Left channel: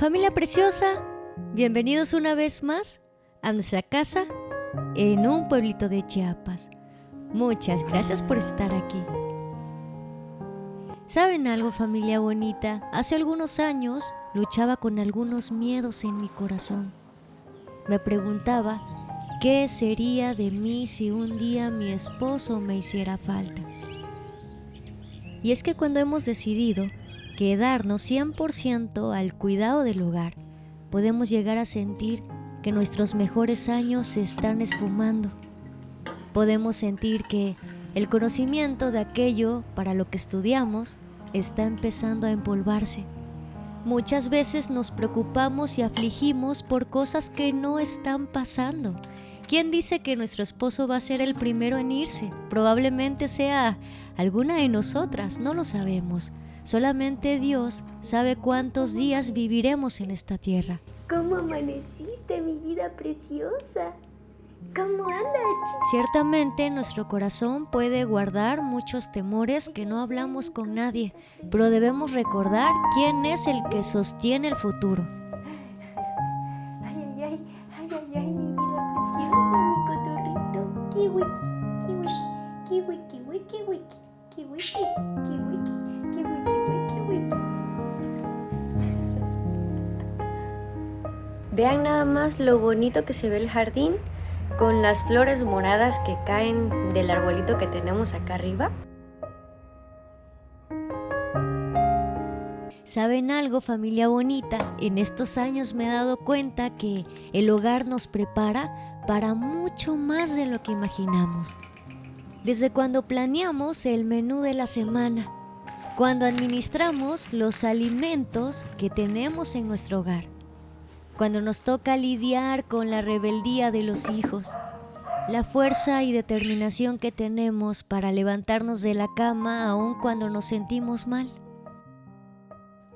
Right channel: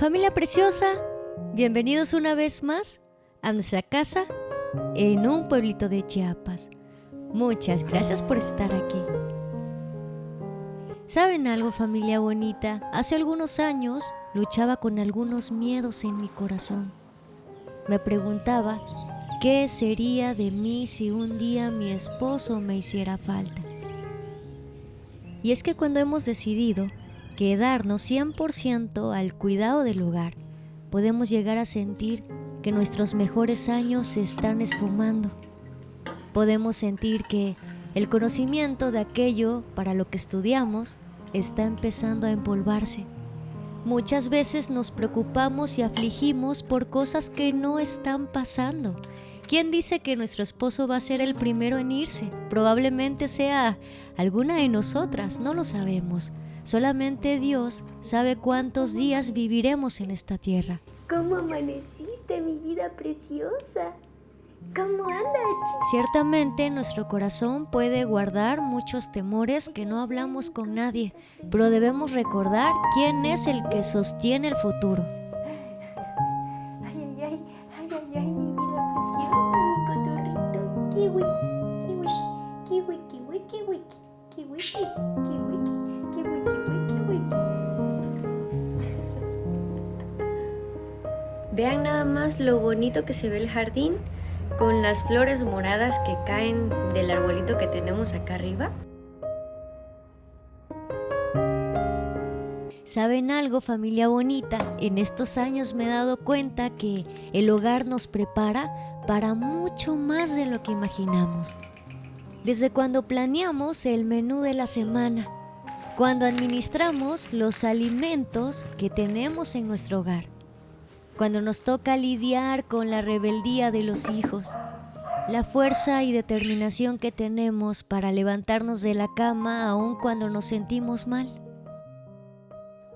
Familia preciosa, bienvenidos una vez más a nuestra casa en un pueblito de Chiapas. Muchas gracias por estar aquí. ¿Saben algo, familia bonita? Hace algunos años luchaba con algunos miedos en mi corazón. Me preguntaba qué sería de mí si un día mi esposo me hiciera falta. Y es que cuando hemos decidido quedarnos 100% al cuidado del hogar, podemos llegar a sentir que nuestros mejores años se están esfumando. Podemos sentir que el conocimiento de aquello para lo que estudiamos está empezando a empolvarse. Muchas veces nos preocupamos y afligimos por cosas que no están pasando. ¿Quién dice que nuestro esposo va a ser el primero en irse? Probablemente sea alguna de nosotras, no lo sabemos. Solamente Dios sabe cuántos días viviremos en esta tierra. ¿Cómo amaneciste, mi vida preciosa? ¿Cómo andas? Ciertamente nuestro corazón puede guardar muchos temores que no hablamos con nadie, pero debemos recordar quién es el que sostiene el futuro. Ay, ay, ay, ay, ay, ay, mi vida preciosa, mi cotorrito. Kiwiki, kiwiki, kiwiki, wiki, wiki, kiwiki, kiwiki, kiwiki, wiki, wiki. Vean nada más lo bonito que se ve el jardín con las flores moradas que caen del arbolito que tenemos acá arriba. ¿Saben algo, familia bonita? En estos años me he dado cuenta que el hogar nos prepara para mucho más de lo que imaginamos. Desde cuando planeamos el menú de la semana, cuando administramos los alimentos que tenemos en nuestro hogar, cuando nos toca lidiar con la rebeldía de los hijos, la fuerza y determinación que tenemos para levantarnos de la cama aun cuando nos sentimos mal.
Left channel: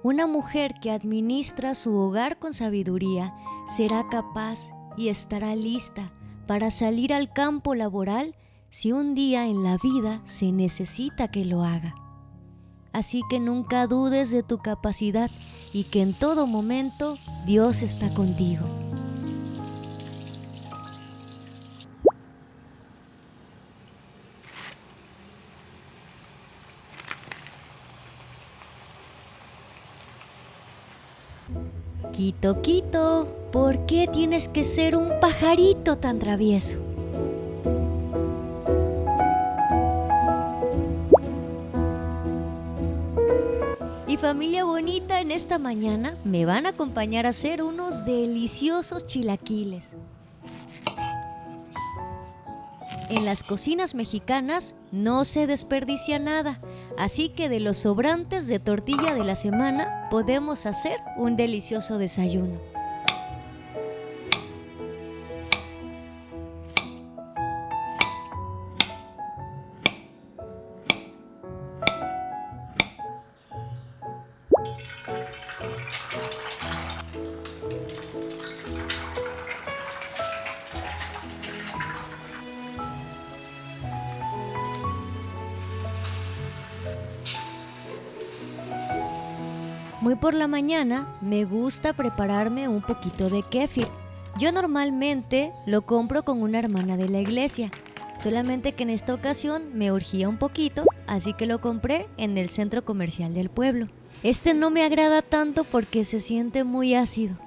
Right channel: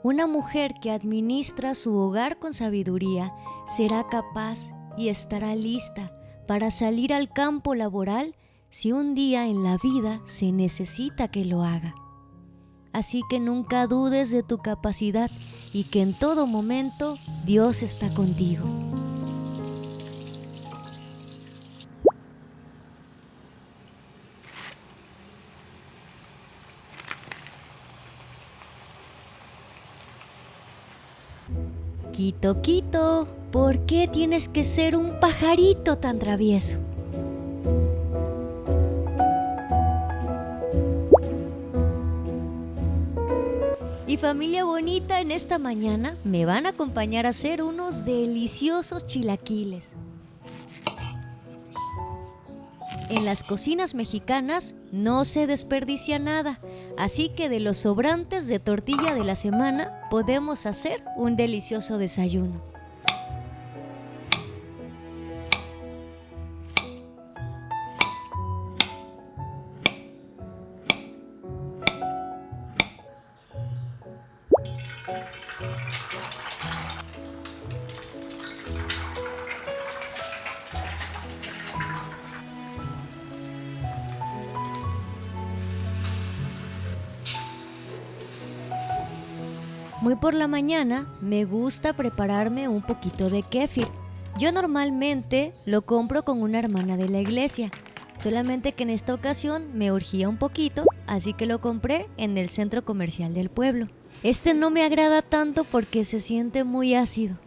Una mujer que administra su hogar con sabiduría será capaz y estará lista para salir al campo laboral si un día en la vida se necesita que lo haga. Así que nunca dudes de tu capacidad y que en todo momento Dios está contigo. Quito, Quito, ¿por qué tienes que ser un pajarito tan travieso? Y familia bonita, en esta mañana me van a acompañar a hacer unos deliciosos chilaquiles. En las cocinas mexicanas no se desperdicia nada, así que de los sobrantes de tortilla de la semana podemos hacer un delicioso desayuno. Muy por la mañana me gusta prepararme un poquito de kéfir. Yo normalmente lo compro con una hermana de la iglesia, solamente que en esta ocasión me urgía un poquito, así que lo compré en el centro comercial del pueblo. Este no me agrada tanto porque se siente muy ácido.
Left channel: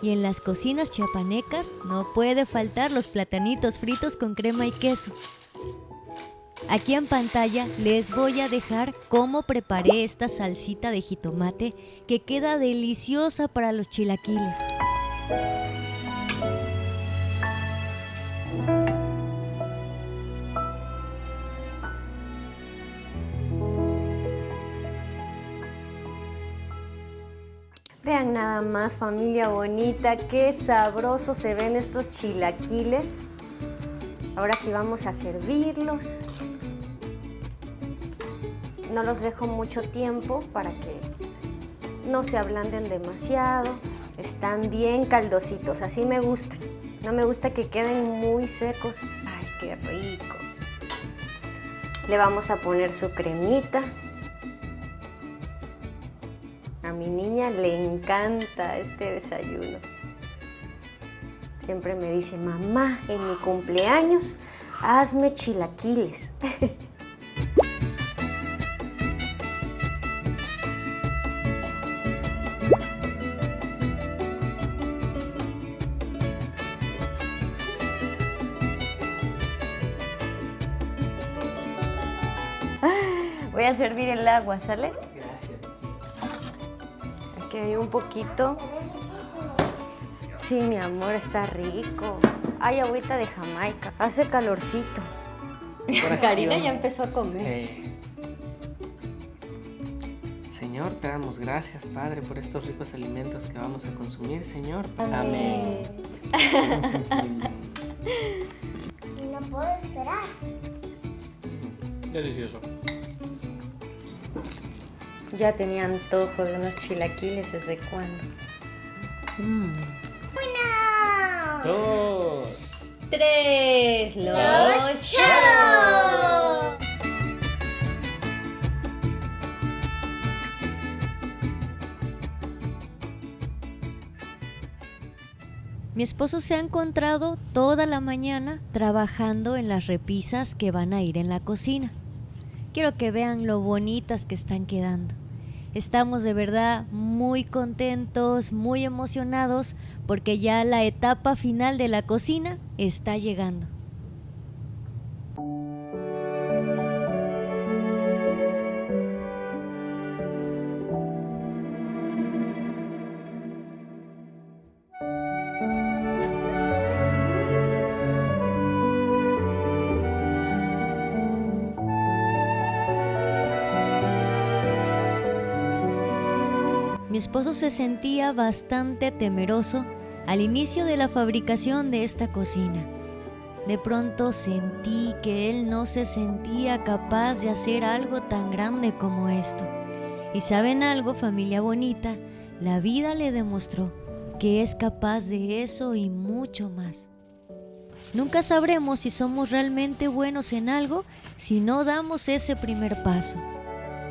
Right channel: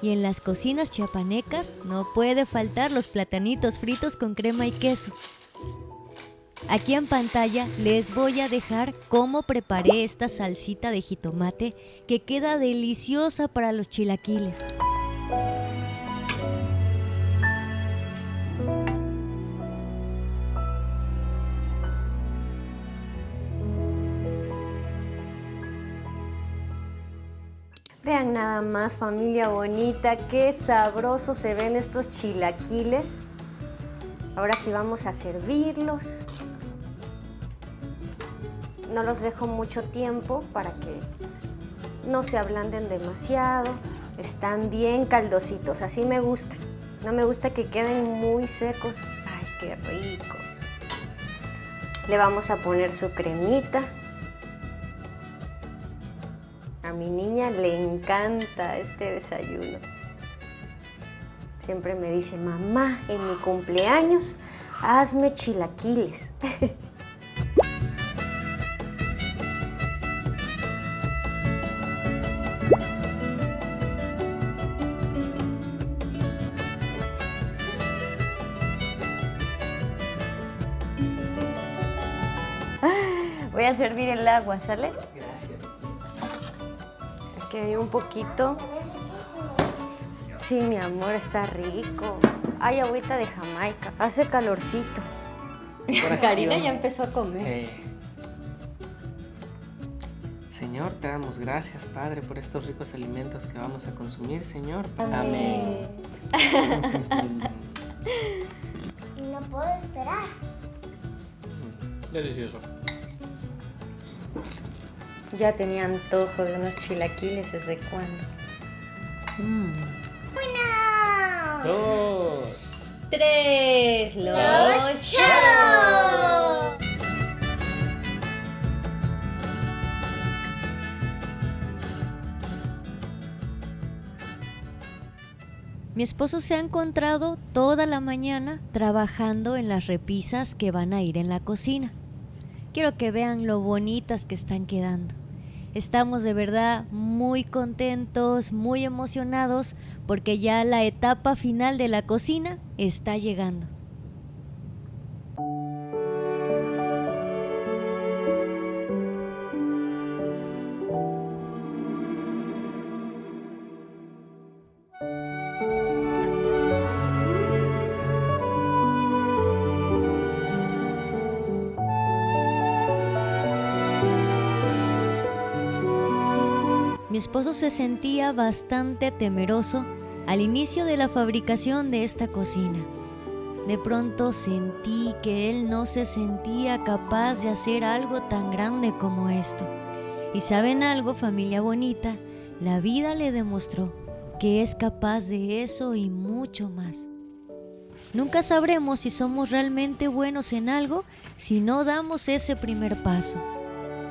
Y en las cocinas chiapanecas no puede faltar los platanitos fritos con crema y queso. Aquí en pantalla les voy a dejar cómo preparé esta salsita de jitomate que queda deliciosa para los chilaquiles. Vean nada más, familia bonita, qué sabrosos se ven estos chilaquiles. Ahora sí vamos a servirlos. No los dejo mucho tiempo para que no se ablanden demasiado. Están bien caldositos, así me gustan. No me gusta que queden muy secos. Ay, qué rico. Le vamos a poner su cremita. A mi niña le encanta este desayuno. Siempre me dice, mamá, en mi cumpleaños, hazme chilaquiles. Voy a servir el agua, ¿sale? Aquí hay un poquito. Sí, mi amor, está rico. Hay agüita de Jamaica. Hace calorcito. Karina ya empezó a comer. Señor, te damos gracias, Padre, por estos ricos alimentos que vamos a consumir, Señor. Amén. Y no puedo esperar. Delicioso. Ya tenía antojo de unos chilaquiles, ¿desde cuándo? 1, 2. 3, los Charos. Mi esposo se ha encontrado toda la mañana trabajando en las repisas que van a ir en la cocina. Quiero que vean lo bonitas que están quedando. Estamos de verdad muy contentos, muy emocionados, porque ya la etapa final de la cocina está llegando. Mi esposo se sentía bastante temeroso al inicio de la fabricación de esta cocina. De pronto sentí que él no se sentía capaz de hacer algo tan grande como esto. Y ¿saben algo, familia bonita? La vida le demostró que es capaz de eso y mucho más. Nunca sabremos si somos realmente buenos en algo si no damos ese primer paso.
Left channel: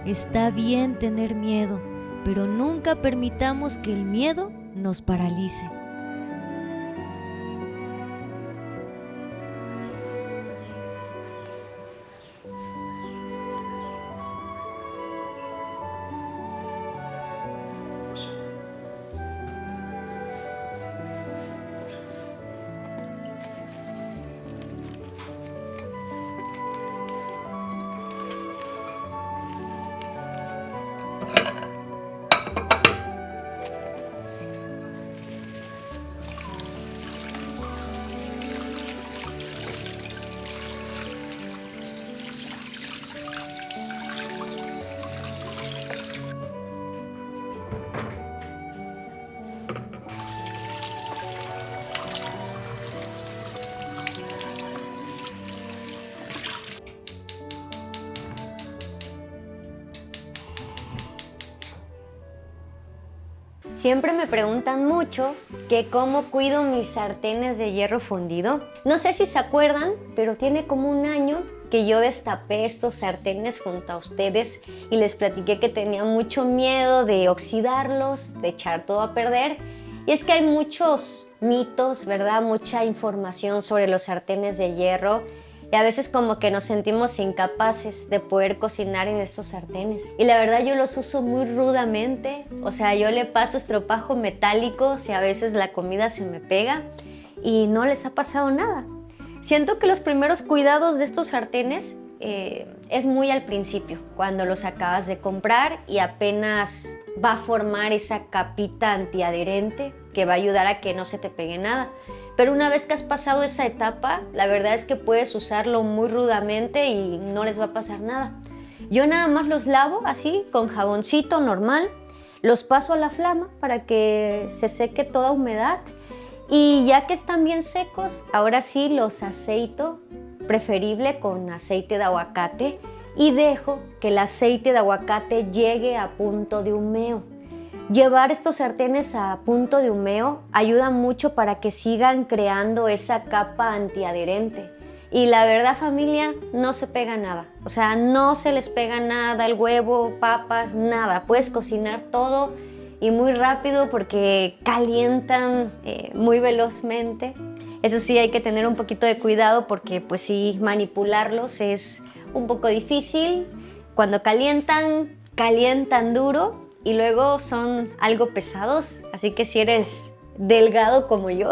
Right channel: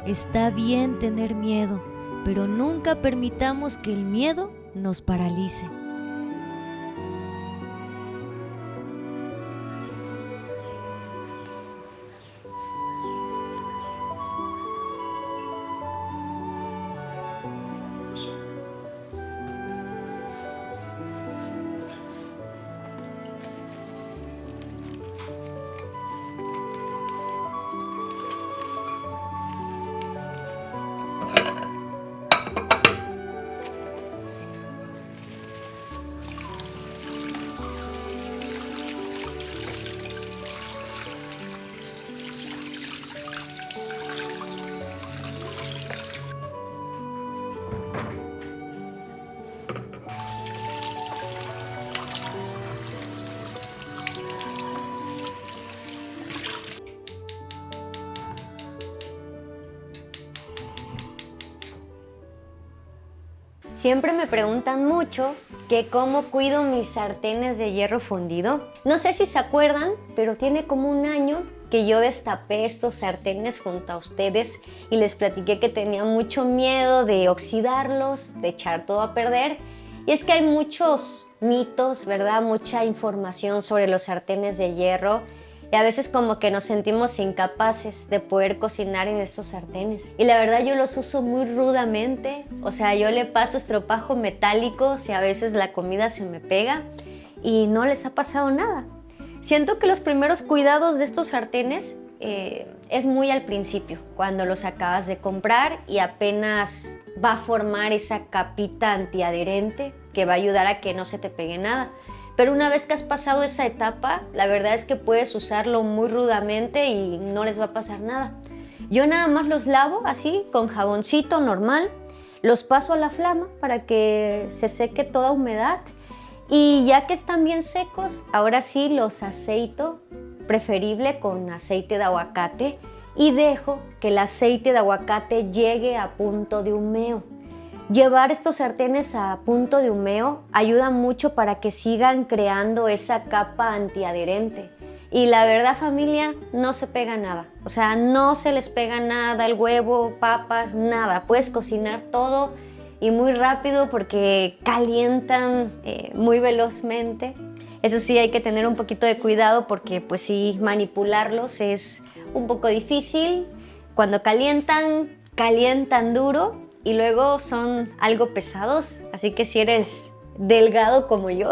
Está bien tener miedo, pero nunca permitamos que el miedo nos paralice. Siempre me preguntan mucho que cómo cuido mis sartenes de hierro fundido. No sé si se acuerdan, pero tiene como un año que yo destapé estos sartenes junto a ustedes y les platiqué que tenía mucho miedo de oxidarlos, de echar todo a perder. Y es que hay muchos mitos, ¿verdad? Mucha información sobre los sartenes de hierro. Y a veces como que nos sentimos incapaces de poder cocinar en estos sartenes. Y la verdad yo los uso muy rudamente. O sea, yo le paso estropajo metálico si a veces la comida se me pega y no les ha pasado nada. Siento que los primeros cuidados de estos sartenes es muy al principio, cuando los acabas de comprar y apenas va a formar esa capita antiadherente que va a ayudar a que no se te pegue nada. Pero una vez que has pasado esa etapa, la verdad es que puedes usarlo muy rudamente y no les va a pasar nada. Yo nada más los lavo así, con jaboncito normal, los paso a la flama para que se seque toda humedad y ya que están bien secos, ahora sí los aceito, preferible con aceite de aguacate, y dejo que el aceite de aguacate llegue a punto de humeo. Llevar estos sartenes a punto de humeo ayuda mucho para que sigan creando esa capa antiadherente Y la verdad, familia, no se pega nada. O sea, no se les pega nada, el huevo, papas, nada. Puedes cocinar todo y muy rápido porque calientan muy velozmente. Eso sí, hay que tener un poquito de cuidado porque pues sí, manipularlos es un poco difícil. Cuando calientan duro y luego son algo pesados. Así que si eres delgado como yo,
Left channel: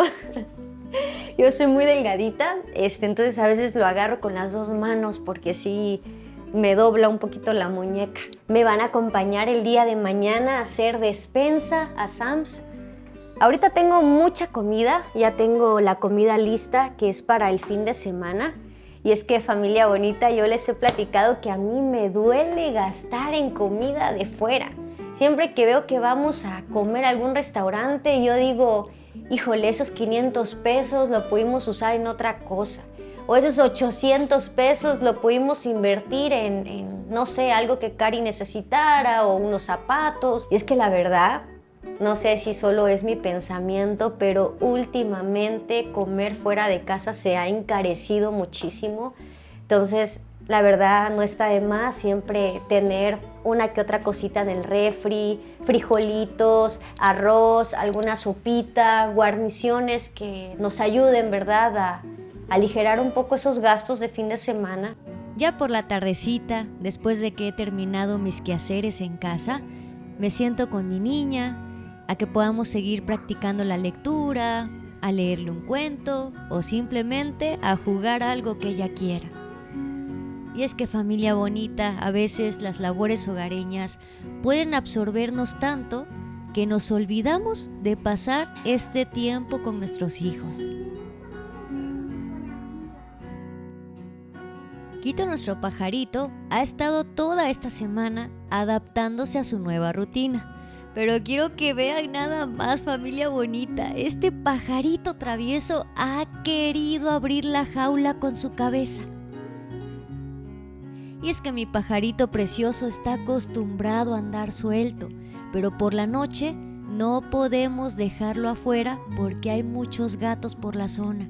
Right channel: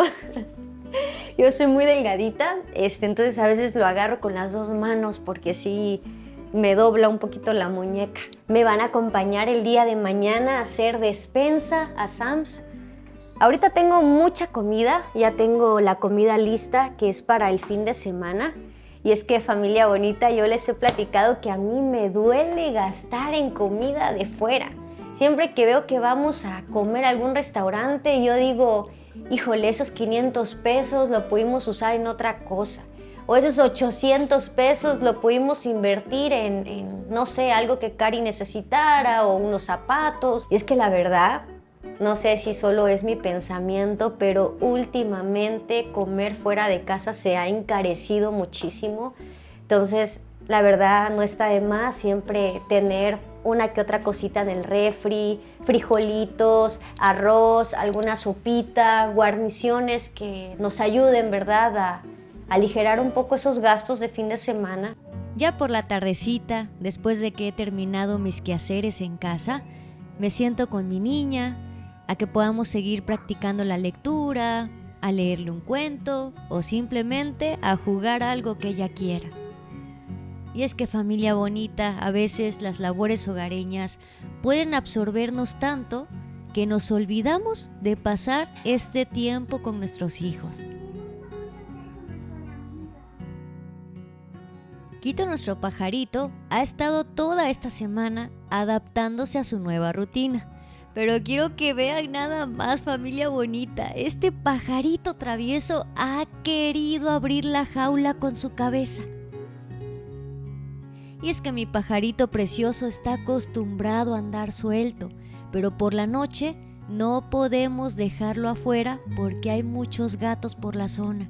yo soy muy delgadita, entonces a veces lo agarro con las dos manos porque sí me dobla un poquito la muñeca. Me van a acompañar el día de mañana a hacer despensa a Sam's. Ahorita tengo mucha comida, ya tengo la comida lista que es para el fin de semana. Y es que, familia bonita, yo les he platicado que a mí me duele gastar en comida de fuera. Siempre que veo que vamos a comer a algún restaurante, yo digo, híjole, esos 500 pesos lo pudimos usar en otra cosa. O esos 800 pesos lo pudimos invertir en, no sé, algo que Cari necesitara o unos zapatos. Y es que la verdad, no sé si solo es mi pensamiento, pero últimamente comer fuera de casa se ha encarecido muchísimo. Entonces, la verdad, no está de más siempre tener una que otra cosita en el refri, frijolitos, arroz, alguna sopita, guarniciones que nos ayuden, ¿verdad?, a aligerar un poco esos gastos de fin de semana. Ya por la tardecita, después de que he terminado mis quehaceres en casa, me siento con mi niña, a que podamos seguir practicando la lectura, a leerle un cuento o simplemente a jugar algo que ella quiera. Y es que, familia bonita, a veces las labores hogareñas pueden absorbernos tanto que nos olvidamos de pasar este tiempo con nuestros hijos. Quito, nuestro pajarito, ha estado toda esta semana adaptándose a su nueva rutina. Pero quiero que vean nada más, familia bonita. Este pajarito travieso ha querido abrir la jaula con su cabeza. Y es que mi pajarito precioso está acostumbrado a andar suelto, pero por la noche no podemos dejarlo afuera porque hay muchos gatos por la zona.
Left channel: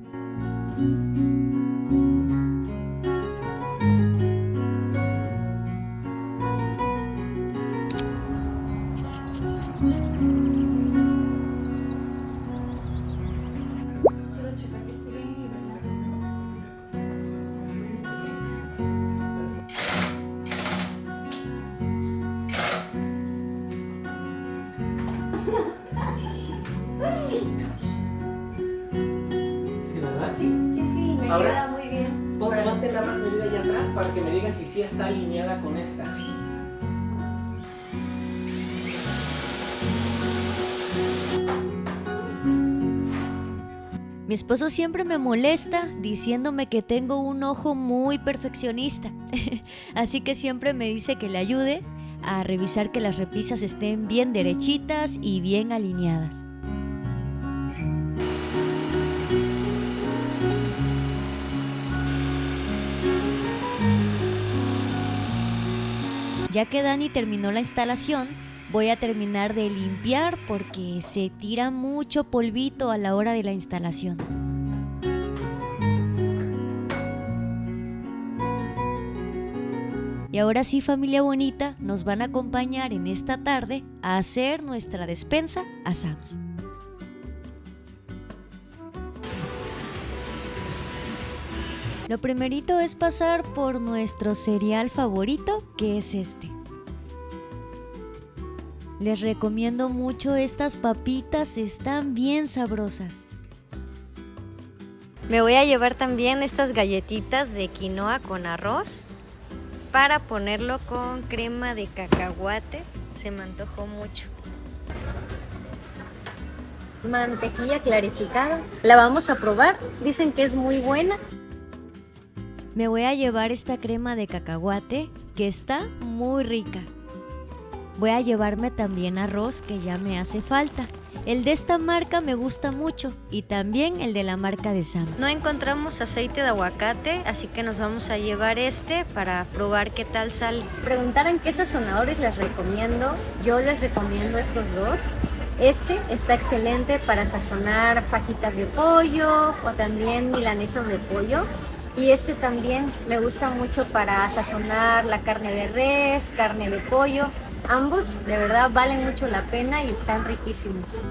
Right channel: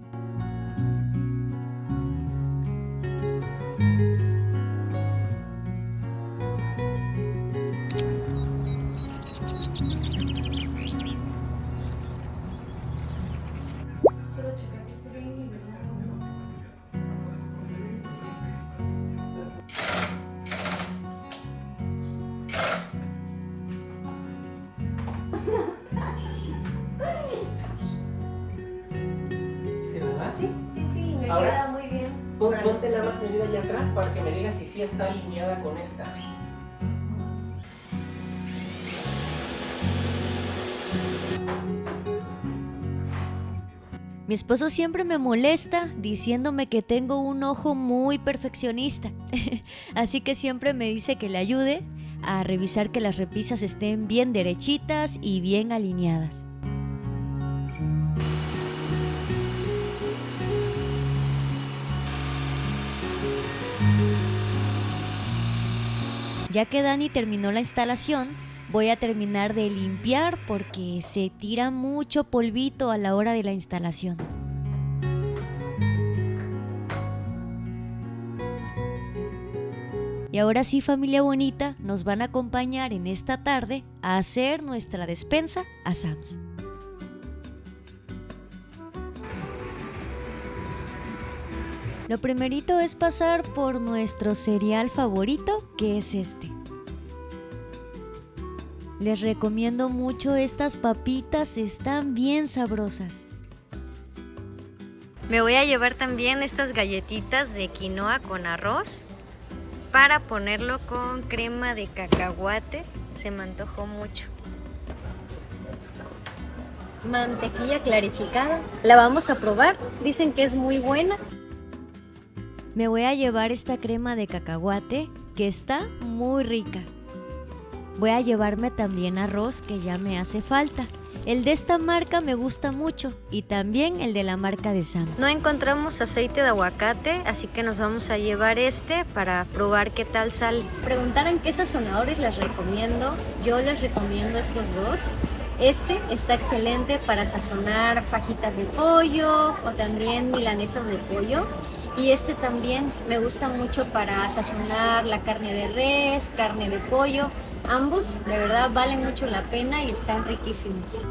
¿Sí, verdad? Sí, me Ahora, queda muy bien. Ponte la más medida allá atrás para que me digas si sí está alineada con esta. Mi esposo siempre me molesta diciéndome que tengo un ojo muy perfeccionista, así que siempre me dice que le ayude a revisar que las repisas estén bien derechitas y bien alineadas. Ya que Dani terminó la instalación, voy a terminar de limpiar porque se tira mucho polvito a la hora de la instalación. Y ahora sí, familia bonita, nos van a acompañar en esta tarde a hacer nuestra despensa a Sam's. Lo primerito es pasar por nuestro cereal favorito, que es este. Les recomiendo mucho estas papitas, están bien sabrosas. Me voy a llevar también estas galletitas de quinoa con arroz para ponerlo con crema de cacahuate. Se me antojó mucho. Mantequilla clarificada. La vamos a probar. Dicen que es muy buena. Me voy a llevar esta crema de cacahuate que está muy rica. Voy a llevarme también arroz que ya me hace falta. El de esta marca me gusta mucho y también el de la marca de Sam's. No encontramos aceite de aguacate, así que nos vamos a llevar este para probar qué tal sale. Preguntaran qué sazonadores les recomiendo. Yo les recomiendo estos dos. Este está excelente para sazonar fajitas de pollo o también milanesas de pollo. Y este también me gusta mucho para sazonar la carne de res, carne de pollo. Ambos de verdad valen mucho la pena y están riquísimos.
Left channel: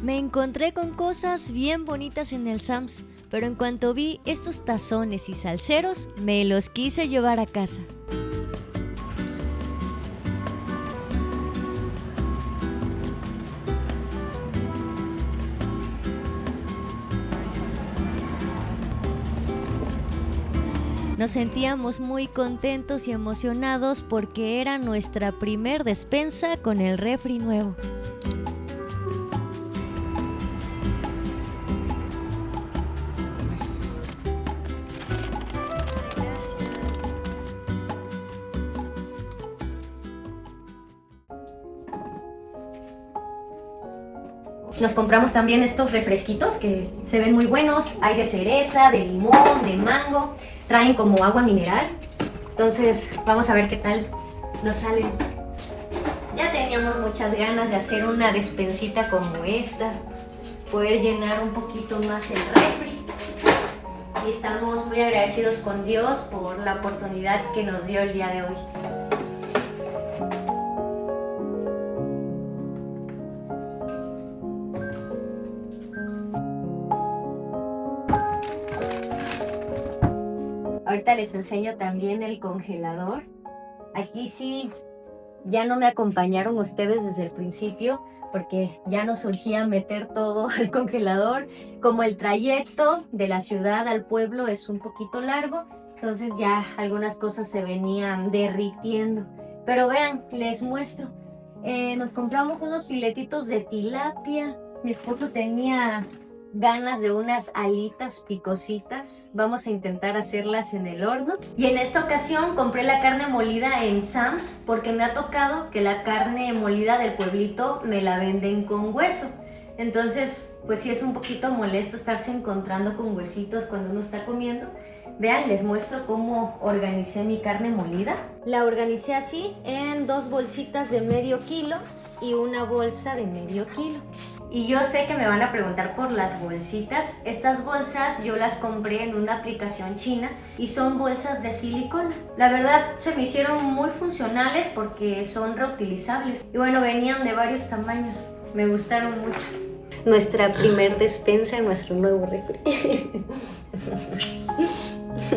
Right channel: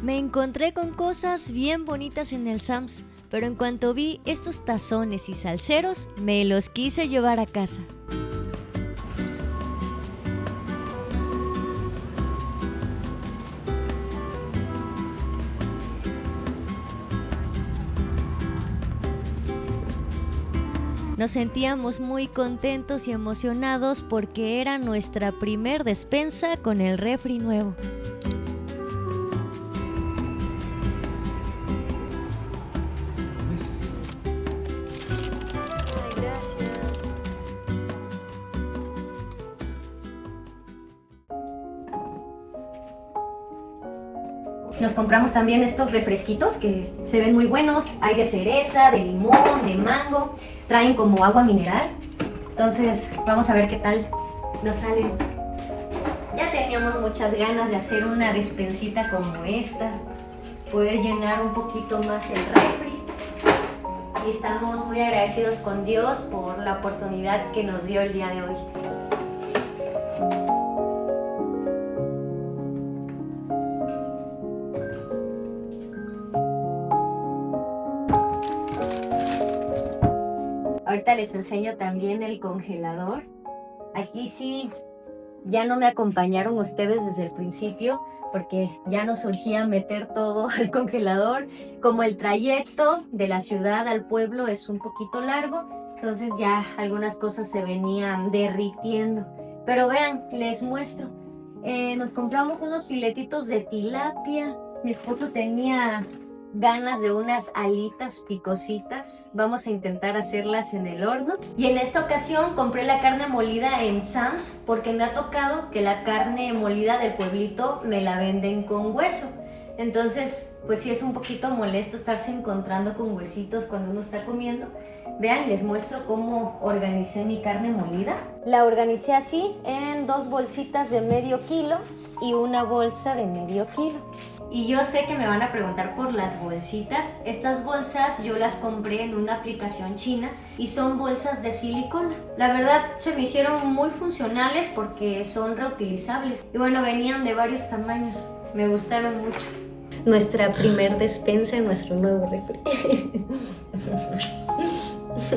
Me encontré con cosas bien bonitas en el Sam's, pero en cuanto vi estos tazones y salseros, me los quise llevar a casa. Nos sentíamos muy contentos y emocionados porque era nuestra primer despensa con el refri nuevo. Nos compramos también estos refresquitos que se ven muy buenos. Hay de cereza, de limón, de mango. Traen como agua mineral. Entonces vamos a ver qué tal nos salen. Ya teníamos muchas ganas de hacer una despensita como esta. Poder llenar un poquito más el refri. Y estamos muy agradecidos con Dios por la oportunidad que nos dio el día de hoy. Ahorita les enseño también el congelador. Aquí sí, ya no me acompañaron ustedes desde el principio porque ya nos surgía meter todo al congelador. Como el trayecto de la ciudad al pueblo es un poquito largo, entonces ya algunas cosas se venían derritiendo. Pero vean, les muestro. Nos compramos unos filetitos de tilapia. Mi esposo tenía ganas de unas alitas picositas. Vamos a intentar hacerlas en el horno. Y en esta ocasión compré la carne molida en Sam's porque me ha tocado que la carne molida del pueblito me la venden con hueso. Entonces, pues sí es un poquito molesto estarse encontrando con huesitos cuando uno está comiendo. Vean, les muestro cómo organicé mi carne molida. La organicé así en 2 bolsitas de medio kilo y una bolsa de medio kilo. Y yo sé que me van a preguntar por las bolsitas. Estas bolsas yo las compré en una aplicación china y son bolsas de silicona. La verdad se me hicieron muy funcionales porque son reutilizables. Y bueno, venían de varios tamaños. Me gustaron mucho. Nuestra primer despensa en nuestro nuevo refri.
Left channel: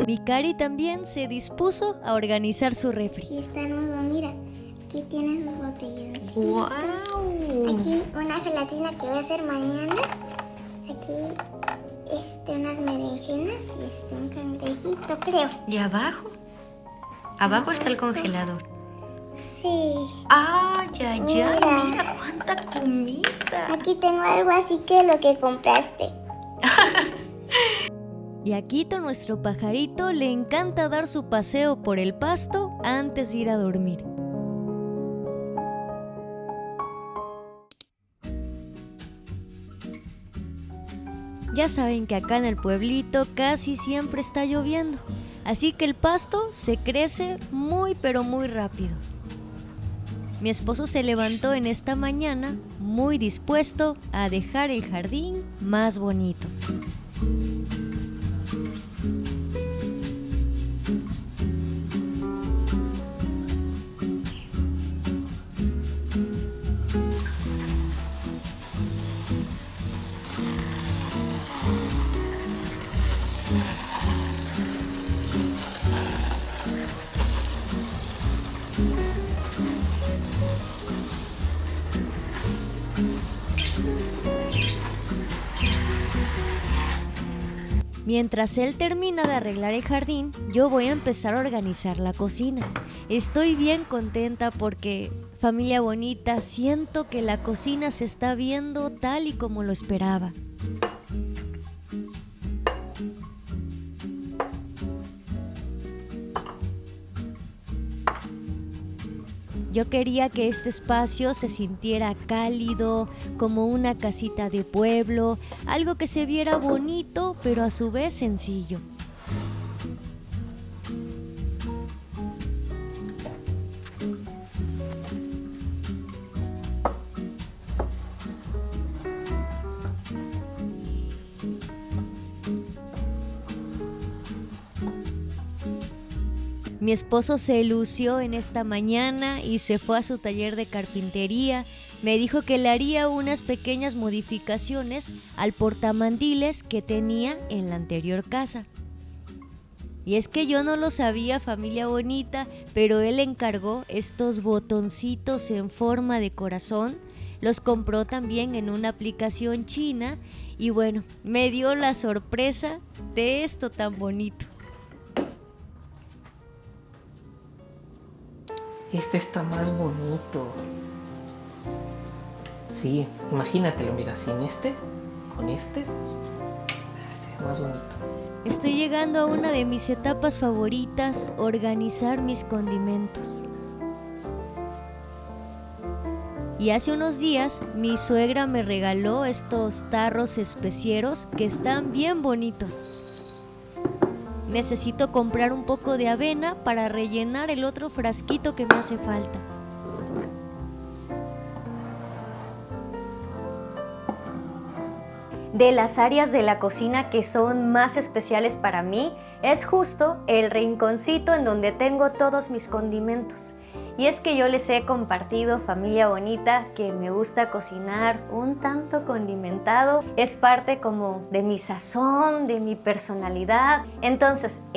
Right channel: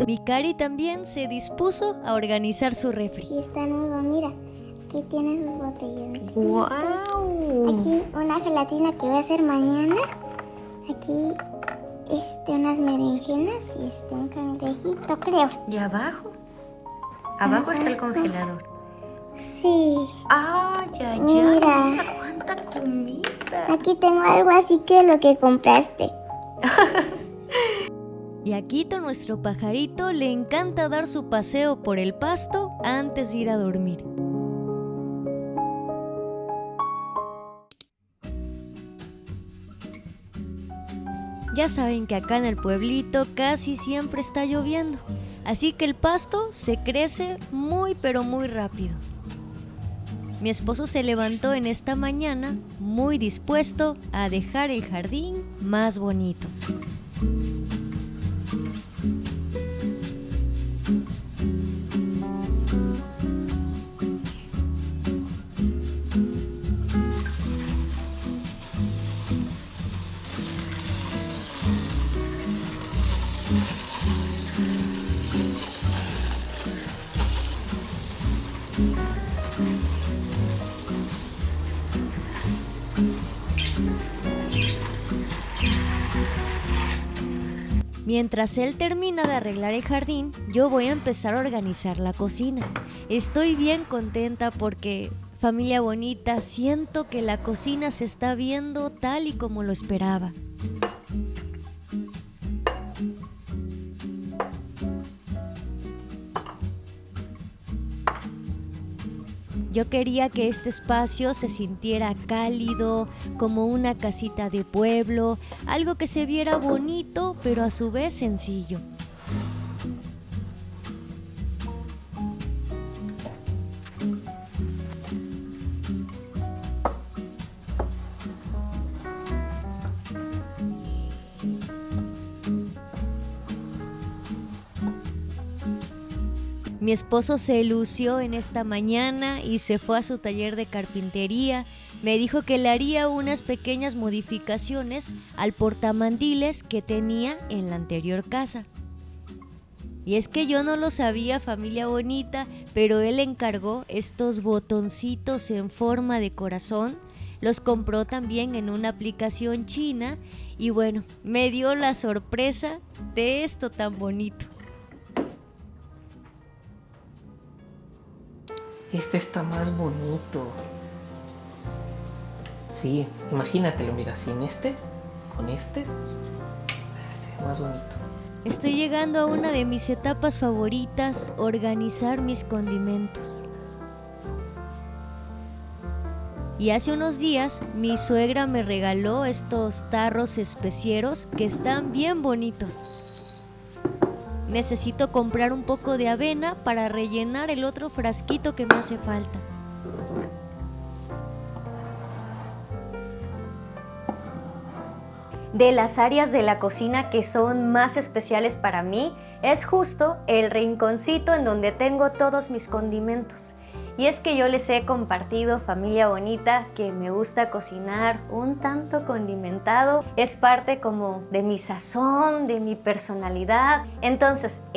Mi Cari también se dispuso a organizar su refri. Aquí está nuevo, mira. Aquí tienes los botellones. ¡Wow! Aquí una gelatina que voy a hacer mañana. Aquí unas berenjenas y un cangrejito, creo. ¿Y abajo? Abajo está el congelador. Sí. ¡Ay, ay, Mira. ay! ¡Mira cuánta comida! Aquí tengo algo así que lo que compraste. Y a Quito, nuestro pajarito, le encanta dar su paseo por el pasto antes de ir a dormir. Ya saben que acá en el pueblito casi siempre está lloviendo, así que el pasto se crece muy pero muy rápido. Mi esposo se levantó en esta mañana muy dispuesto a dejar el jardín más bonito. Mientras él termina de arreglar el jardín, yo voy a empezar a organizar la cocina. Estoy bien contenta porque, familia bonita, siento que la cocina se está viendo tal y como lo esperaba. Yo quería que este espacio se sintiera cálido, como una casita de pueblo, algo que se viera bonito, pero a su vez sencillo. Mi esposo se lució en esta mañana y se fue a su taller de carpintería. Me dijo que le haría unas pequeñas modificaciones al portamandiles que tenía en la anterior casa. Y es que yo no lo sabía, familia bonita, pero él encargó estos botoncitos en forma de corazón. Los compró también en una aplicación china y bueno, me dio la sorpresa de esto tan bonito. Este está más bonito. Sí, imagínatelo, mira, sin este, con este, se ve más bonito. Estoy llegando a una de mis etapas favoritas, organizar mis condimentos. Y hace unos días mi suegra me regaló estos tarros especieros que están bien bonitos. Necesito comprar un poco de avena para rellenar el otro frasquito que me hace falta. De las áreas de la cocina que son más especiales para mí es justo el rinconcito en donde tengo todos mis condimentos. Y es que yo les he compartido, familia bonita, que me gusta cocinar un tanto condimentado. Es parte como de mi sazón, de mi personalidad. Entonces,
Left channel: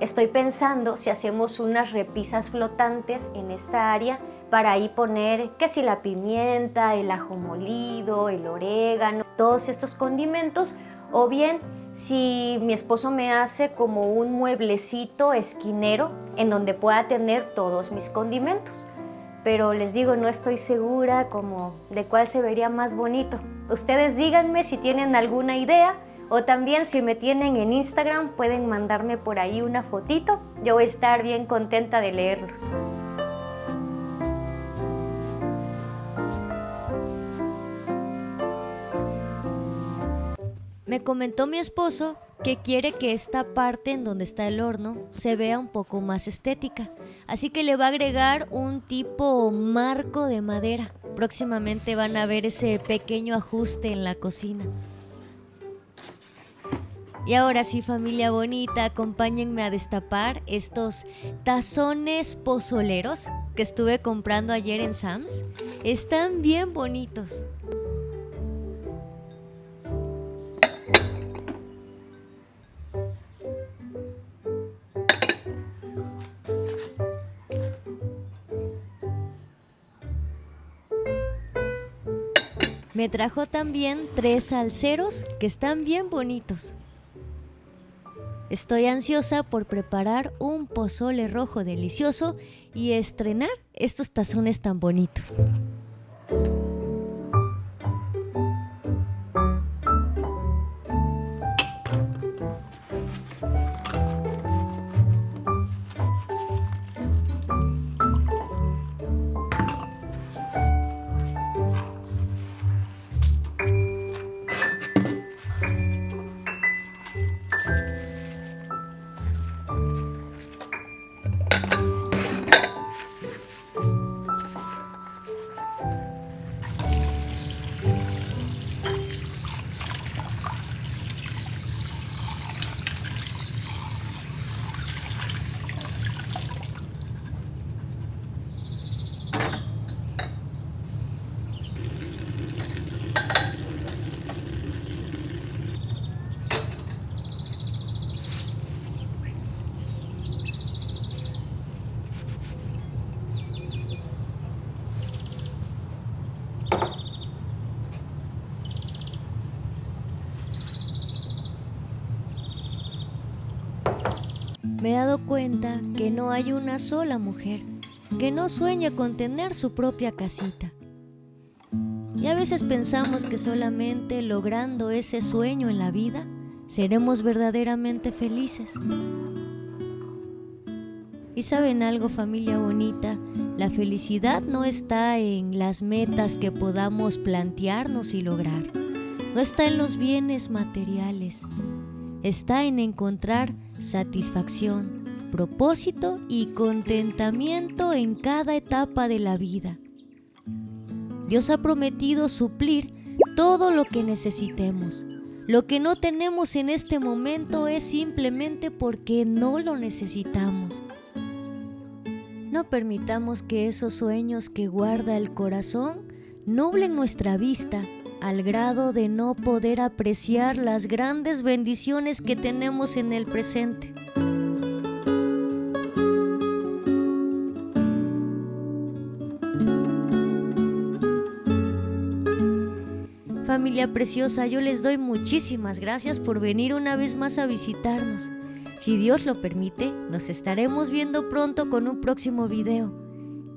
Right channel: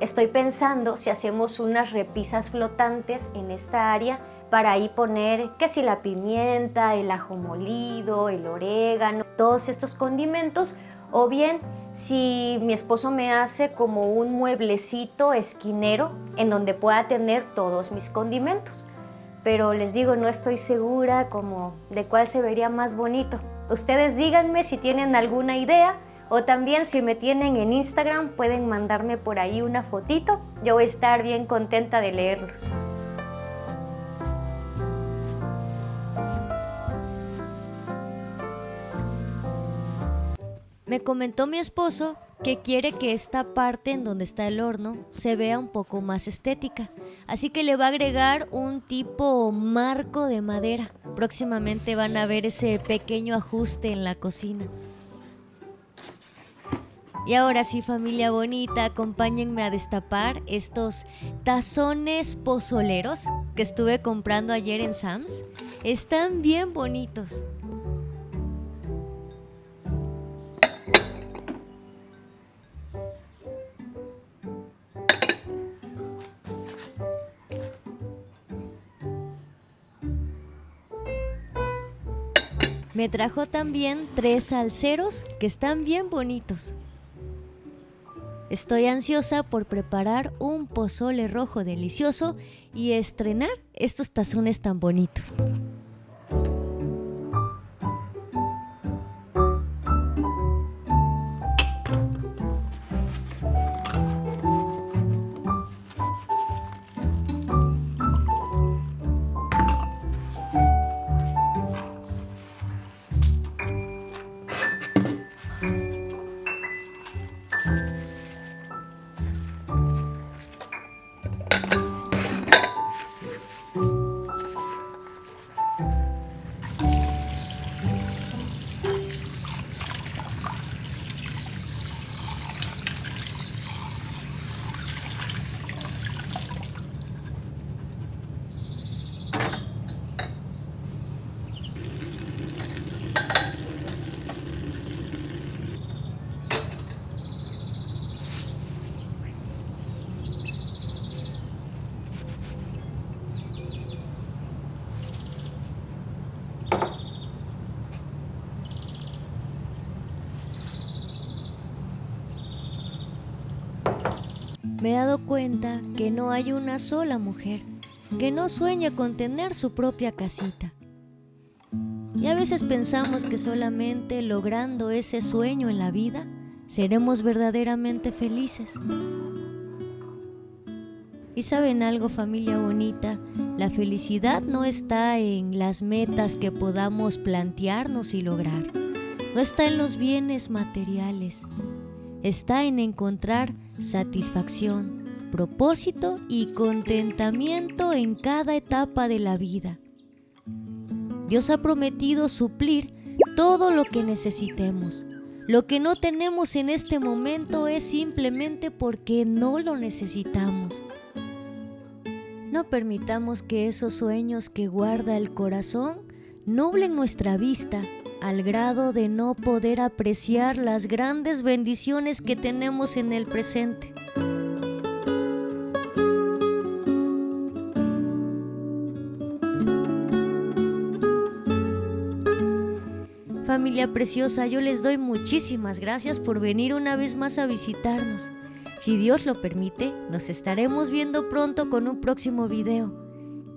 estoy pensando si hacemos unas repisas flotantes en esta área para ahí poner que si la pimienta, el ajo molido, el orégano, todos estos condimentos, o bien si mi esposo me hace como un mueblecito esquinero en donde pueda tener todos mis condimentos. Pero les digo, no estoy segura como de cuál se vería más bonito. Ustedes díganme si tienen alguna idea, o también si me tienen en Instagram pueden mandarme por ahí una fotito. Yo voy a estar bien contenta de leerlos. Me comentó mi esposo que quiere que esta parte en donde está el horno se vea un poco más estética, así que le va a agregar un tipo marco de madera. Próximamente van a ver ese pequeño ajuste en la cocina. Y ahora sí, familia bonita, acompáñenme a destapar estos tazones pozoleros que estuve comprando ayer en Sam's. Están bien bonitos. Me trajo también 3 salseros que están bien bonitos. Estoy ansiosa por preparar un pozole rojo delicioso y estrenar estos tazones tan bonitos. Me he dado cuenta que no hay una sola mujer que no sueña con tener su propia casita. Y a veces pensamos que solamente logrando ese sueño en la vida seremos verdaderamente felices. Y ¿saben algo, familia bonita? La felicidad no está en las metas que podamos plantearnos y lograr. No está en los bienes materiales. Está en encontrar satisfacción, propósito y contentamiento en cada etapa de la vida. Dios ha prometido suplir todo lo que necesitemos. Lo que no tenemos en este momento es simplemente porque no lo necesitamos. No permitamos que esos sueños que guarda el corazón nublen nuestra vista al grado de no poder apreciar las grandes bendiciones que tenemos en el presente. Familia preciosa, yo les doy muchísimas gracias por venir una vez más a visitarnos. Si Dios lo permite, nos estaremos viendo pronto con un próximo video.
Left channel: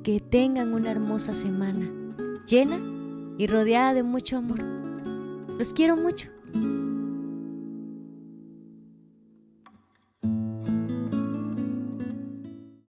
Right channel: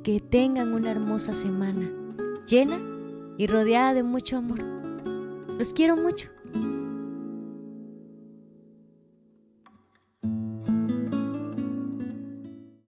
Que tengan una hermosa semana, llena y rodeada de mucho amor. Los quiero mucho.